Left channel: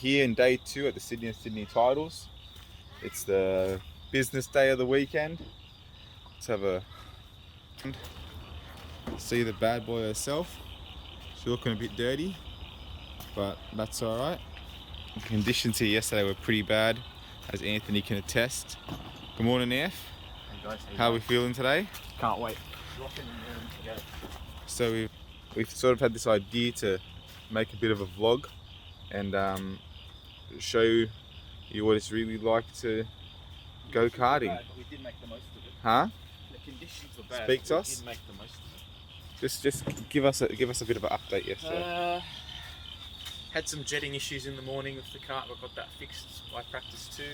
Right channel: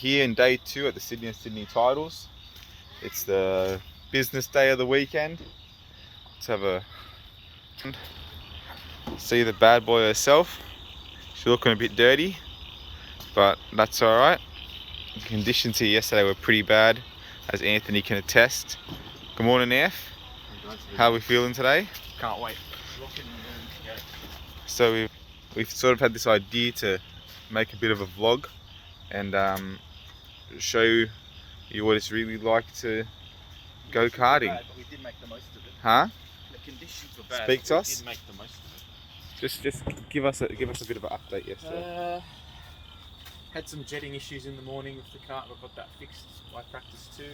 here in day 2 at the Sydney Titles. It's the business day of the weekend. Let's have a see the bad boy herself. She's looking a bit dirty, but that's all right. The conditions here yesterday were pretty bad, as Anthony can attest. Good morning, F. How are we feeling today? Can't wait. So we've sort of had this idea to make a bit of a vlog and show you what it's really like to go karting. Bad, but we did make the most of it. Huh? The conditions were bad. Speak to us. We did make the most of it. Just give us a bit of an update yesterday. Had some jetting issues in the morning with the kart. We got that fixed by practice 2.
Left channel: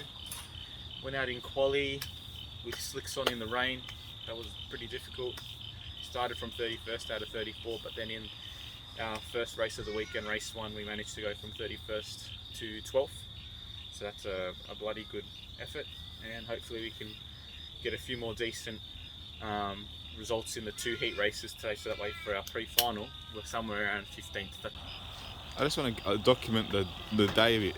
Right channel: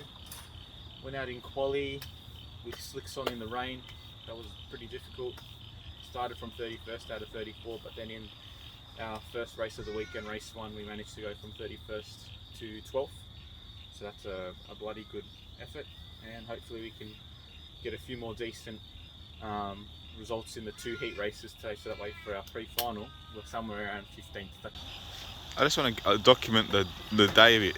Went out in quali with slicks on in the rain. That was pretty difficult. Started from 31st out of 34, but then in our first race of the weekend, race 1, we managed to go from 31st to 12th. So that's a bloody good effort, and hopefully we can get a few more decent results in the 2 heat races today, so that way for our pre-final we're somewhere around 15th. I just want to document the day a bit.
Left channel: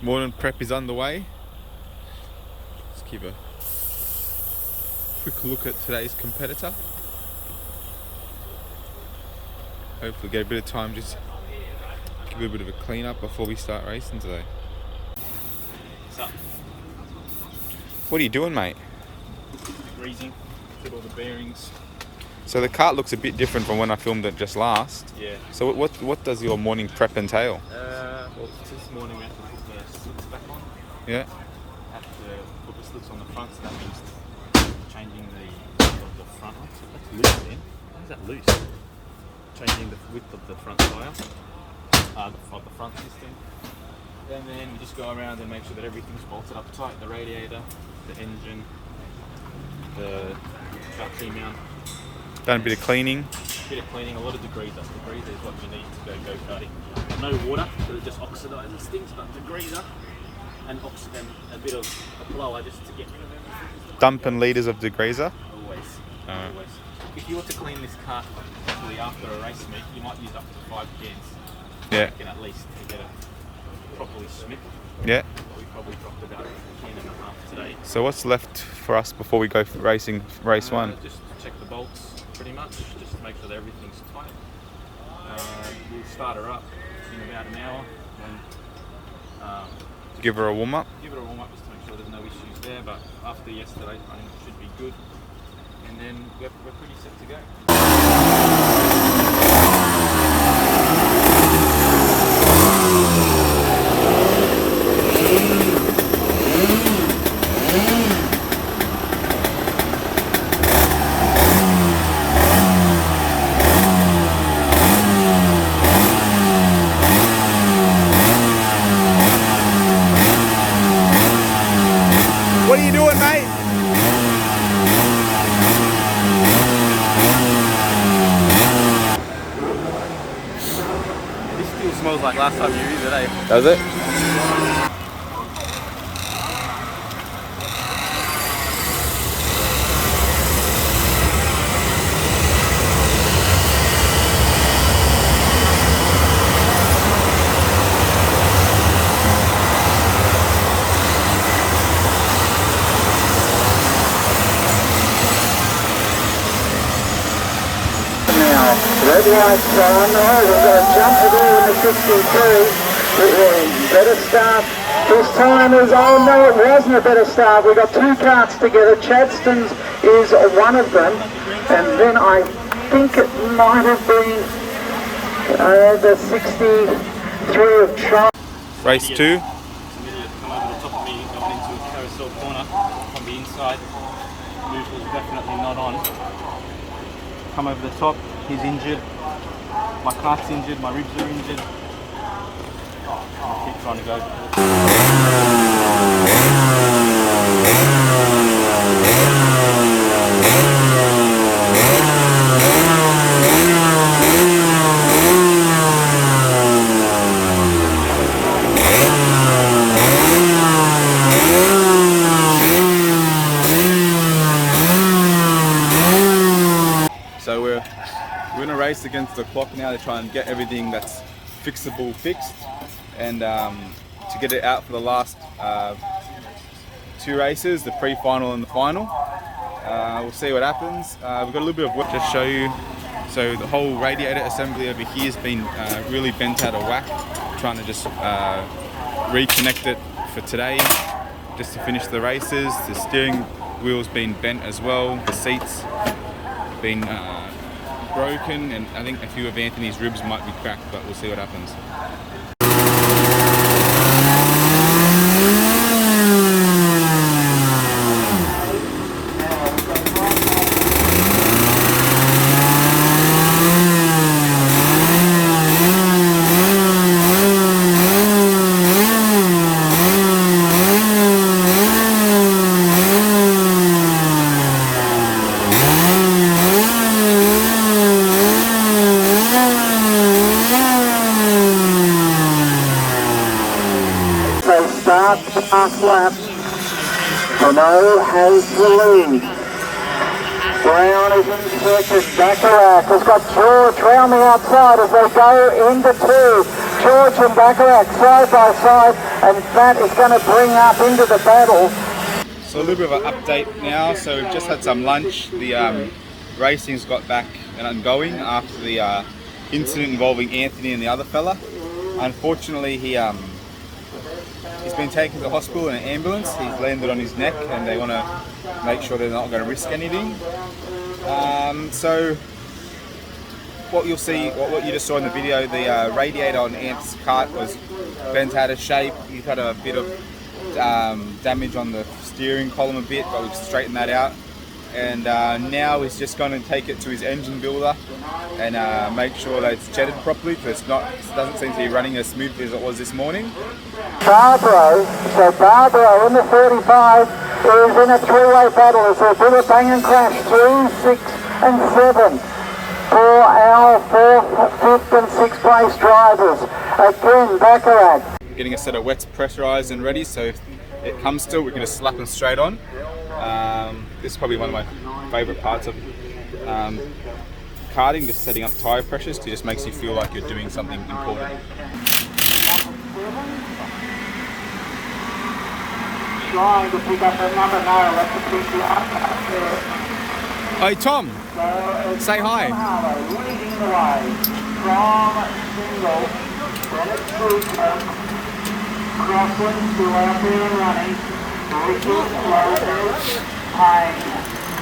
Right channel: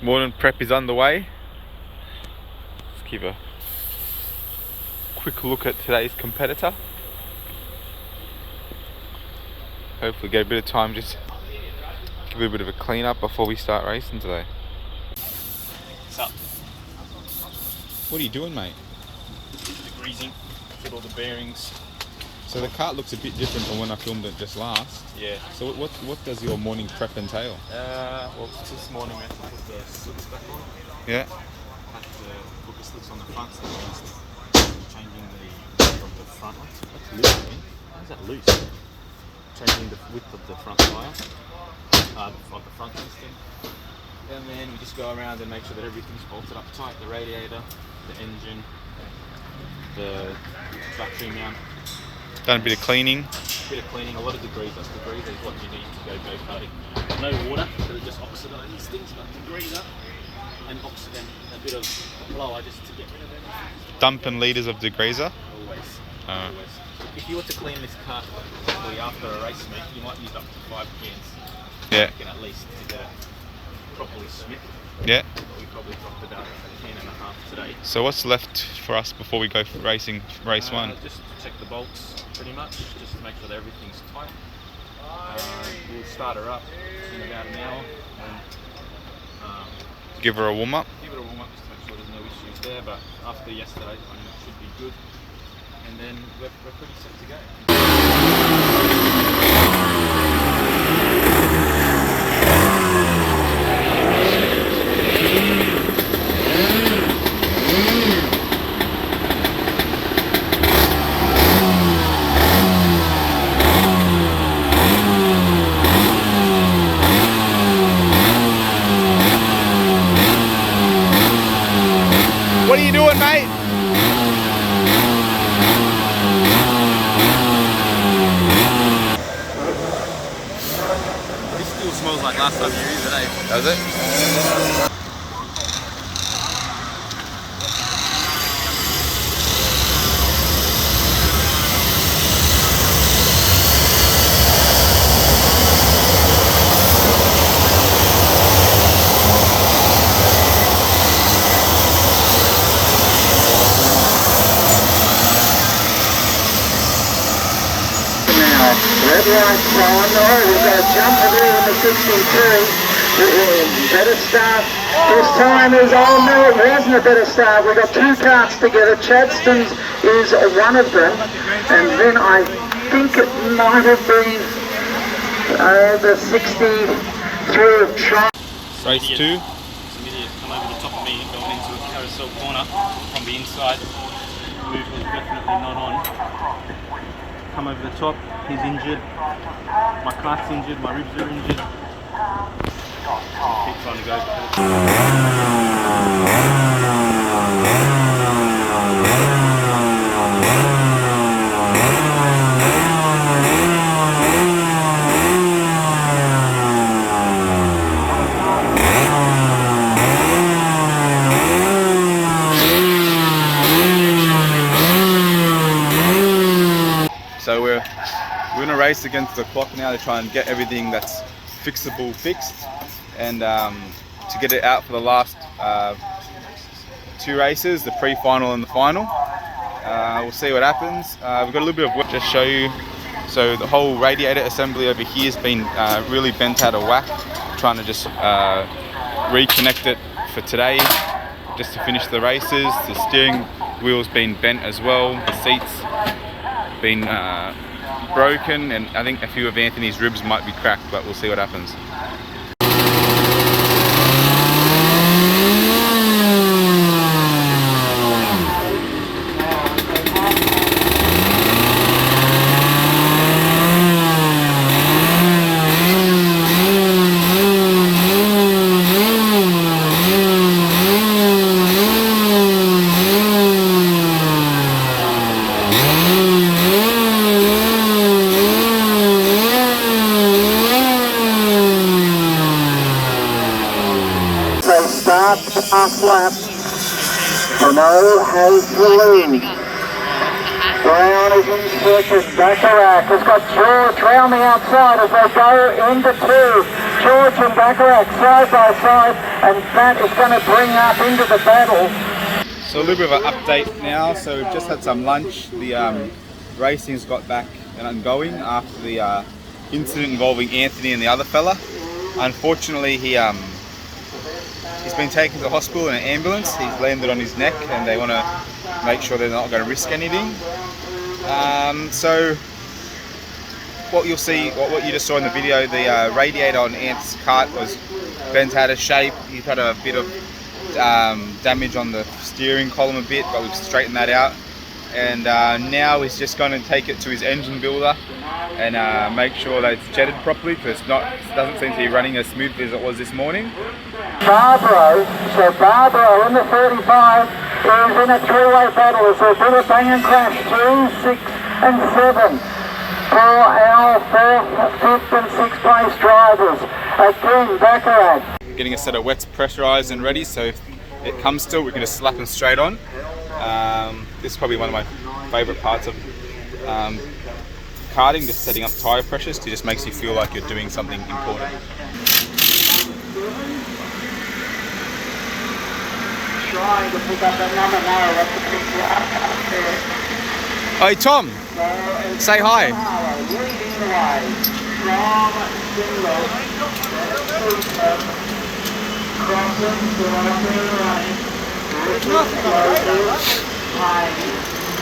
Morning prep is underway. Let's keep a quick look at today's competitor. Hopefully get a bit of time, just give it a bit of a clean up before we start racing today. What's up? What are you doing, mate? Degreasing, fit all the bearings. So the kart looks a bit different from when I filmed it just last. Yeah. So what does your morning prep entail? Well, this morning we had to put the slicks back on. Yeah. Had to put the slicks on the front, so that means changing the width of the front one. That's loose again. How's that loose? Changing the width of the front tyre, the front system. And then we just go around and make sure that everything's bolted up tight. The radiator, the engine, the battery mount. Done a bit of cleaning. A bit of cleaning, a lot of degreaser. Degreaser is what you need to go karting. No water, so it just oxidizes things, but degreaser and a bit of a blower just to get rid of everything. Dumping litres of degreaser. Always. Alright. Always. If you were to clean this kart properly after a race meet, you might use up to 5 cans. Yeah. At least to get it properly smith. Yeah. But we probably dropped about a can and a half today. So what's left for us before we go for racing race 1? Just check the bolts, pretty much. Just make sure that everything's tight. We'll start her up in about an hour. Give her a warm up. Give it a warm up just to make sure there's no issues there. But after yesterday, I think it should be good. And then we're pretty set to go. What are you doing, mate? This still smells like last time you used it, eh? Does it? Red lights on. Oh, we've got a jumper there in the 63. Better start. This time is, oh no, it wasn't a better start. We got 2 karts together. Chadston's is one of them. And then I think it might have been the 63 of China. Race 2. Some idiot come over the top of me going into a carousel corner from the inside. Move was definitely not on. Come over the top, he's injured, my cart's injured, my ribs are injured. I keep trying to go race against the clock now to try and get everything that's fixable fixed, and to get it out for the last 2 races, the pre-final and the final. We'll see what happens. We've got a little bit of work to show you. So the whole radiator assembly over here has been really bent out of whack. Trying to just reconnect it for today, just to finish the races. The steering wheel's been bent as well. The seats been broken, and I think a few of Anthony's ribs might be cracked, but we'll see what happens. Start last lap. Renault has the lead. Brown is in second. Bacharach has got George round the outside as they go into 2. George and Bacharach side by side, and that is going to bring up into the battle. So a little bit of an update now. So we've just had some lunch. The racing's got back and going after the incident involving Anthony and the other fella. Unfortunately, he's been taken to the hospital in an ambulance. He's landed on his neck, and they want to make sure they're not going to risk anything. So what you'll see, what you just saw in the video, the radiator on Ant's kart was bent out of shape. He's had a bit of damage on the steering column a bit, but we've straightened that out. And now he's just going to take it to his engine builder and make sure that it's jetted properly, because it doesn't seem to be running as smoothly as it was this morning. Barbaro in the 35 is in a 3-way battle. So bit of bang and crash, 2, 6 and 7 for our 4th, 5th and 6th place drivers. Again, Bacharach. Getting a set of wets pressurized and ready, so if it comes to it, we can just slap them straight on. This is probably one of my favorite parts of karting, just setting up tire pressures. It just makes you feel like you're doing something important. Hey Tom, say hi.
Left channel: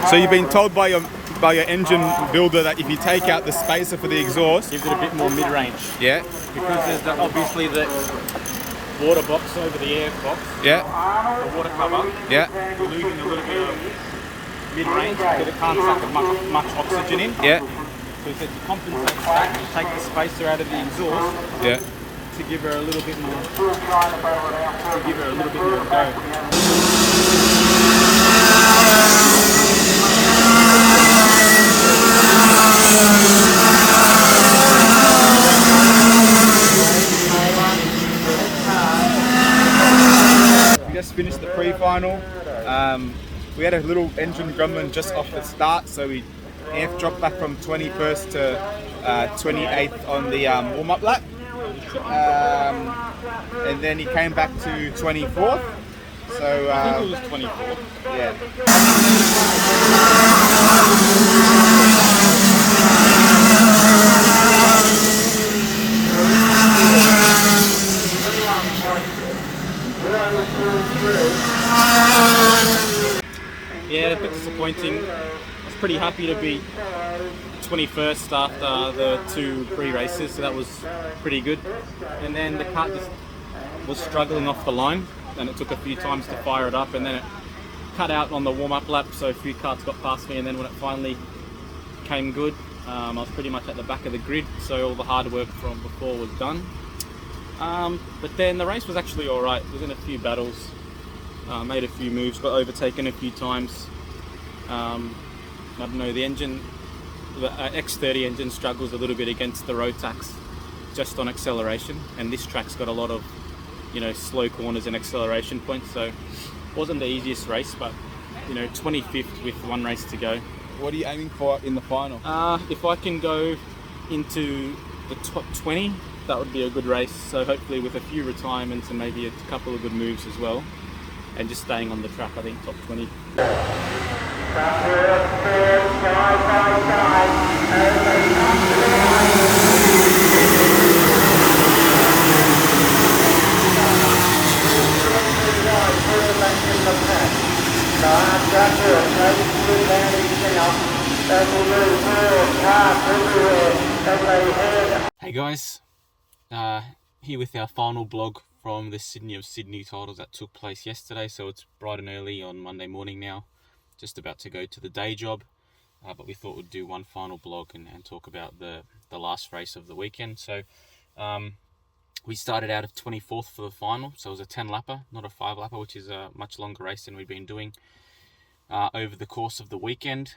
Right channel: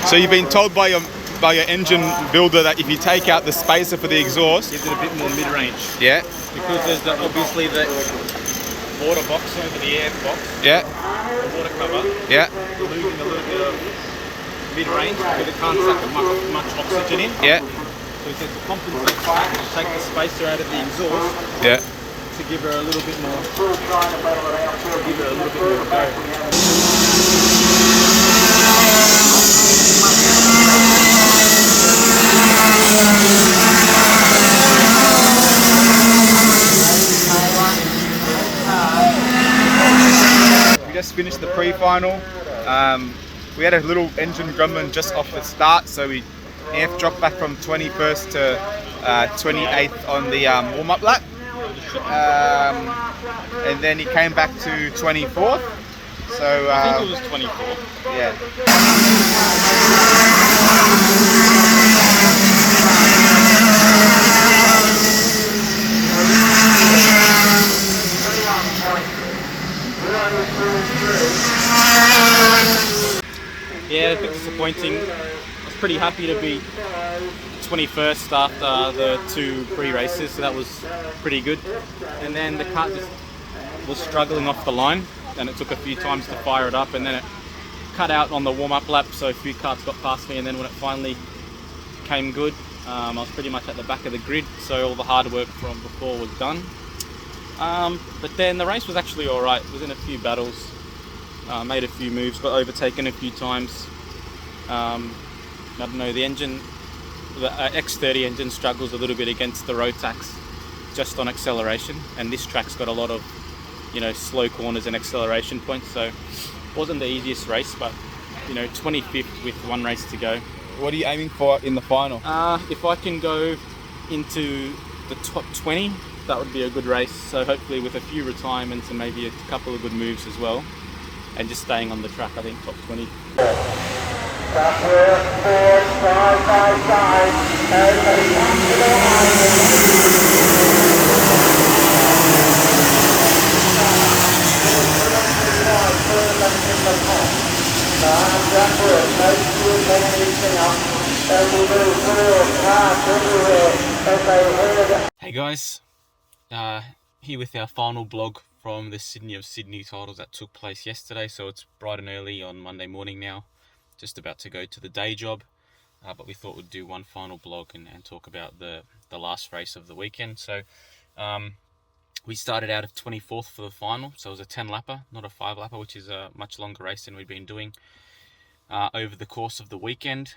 So you've been told by your engine builder that if you take out the spacer for the exhaust, Gives it a bit more mid-range. yeah, Because there's obviously the water box over the air box, yeah, the water cover, yeah, we're losing a little bit of mid-range because it can't suck much oxygen in. yeah, So we said to compensate for that, we take the spacer out of the exhaust yeah. to give her a little bit more, go. We just finished the pre-final. We had a little engine grumbling just off the start, so Anth dropped back from 21st to 28th on the warm-up lap. And then he came back to 24th. So I think it was 24. yeah. Yeah, a bit disappointing. I was pretty happy to be 21st after the 2 pre-races, so that was pretty good. And then the kart just was struggling off the line, and it took a few times to fire it up, and then it cut out on the warm-up lap, so a few karts got past me, and then when it finally came good, I was pretty much at the back of the grid, so all the hard work from before was done. But then the race was actually alright. It was in a few battles, made a few moves, got overtaken a few times. I don't know, the X30 engine struggles a little bit against the Rotax just on acceleration, and this track's got a lot of, slow corners and acceleration points, so it wasn't the easiest race, but 25th with one race to go. What are you aiming for in the final? If I can go into the top 20, that would be a good race. So hopefully with a few retirements and maybe a couple of good moves as well, and just staying on the track, I think top 20. Hey guys, here with our final blog from the Sydney of Sydney titles that took place yesterday. So it's bright and early on Monday morning now, just about to go to the day job, but we thought we'd do one final blog and talk about the last race of the weekend. So we started out of 24th for the final, so it was a 10 lapper, not a 5 lapper, which is a much longer race than we've been doing over the course of the weekend.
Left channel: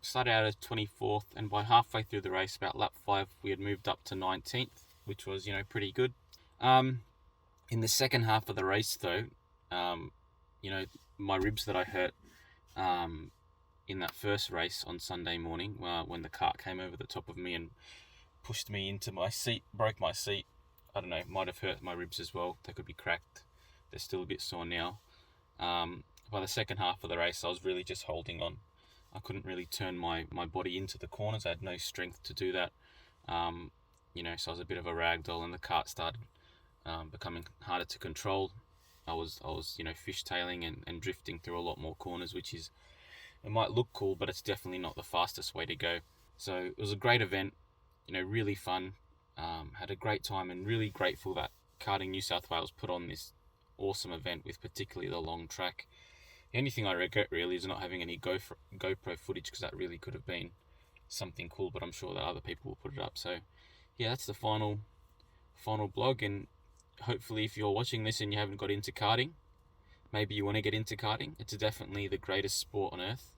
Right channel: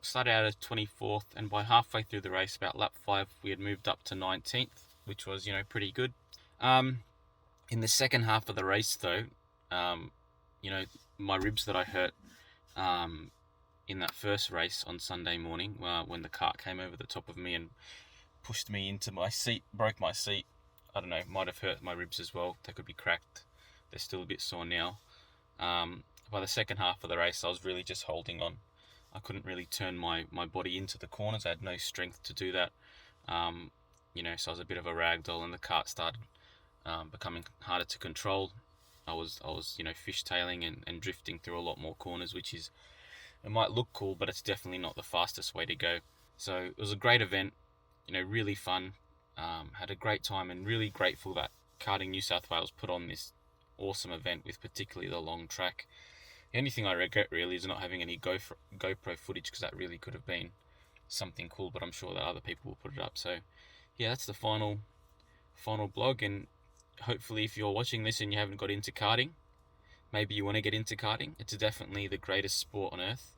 Started out at 24th, and by halfway through the race, about lap 5, we had moved up to 19th, which was, pretty good. In the second half of the race, though, my ribs that I hurt in that first race on Sunday morning, when the cart came over the top of me and pushed me into my seat, broke my seat. I don't know, might have hurt my ribs as well. They could be cracked. They're still a bit sore now. By the second half of the race, I was really just holding on. I couldn't really turn my body into the corners. I had no strength to do that. So I was a bit of a ragdoll, and the cart started becoming harder to control. I was fishtailing and drifting through a lot more corners, it might look cool, but it's definitely not the fastest way to go. So it was a great event, really fun. Had a great time, and really grateful that Karting New South Wales put on this awesome event with particularly the long track. The only thing I regret really is not having any GoPro footage, because that really could have been something cool, but I'm sure that other people will put it up. So yeah, that's the final blog, and hopefully if you're watching this and you haven't got into karting, maybe you want to get into karting. It's definitely the greatest sport on earth.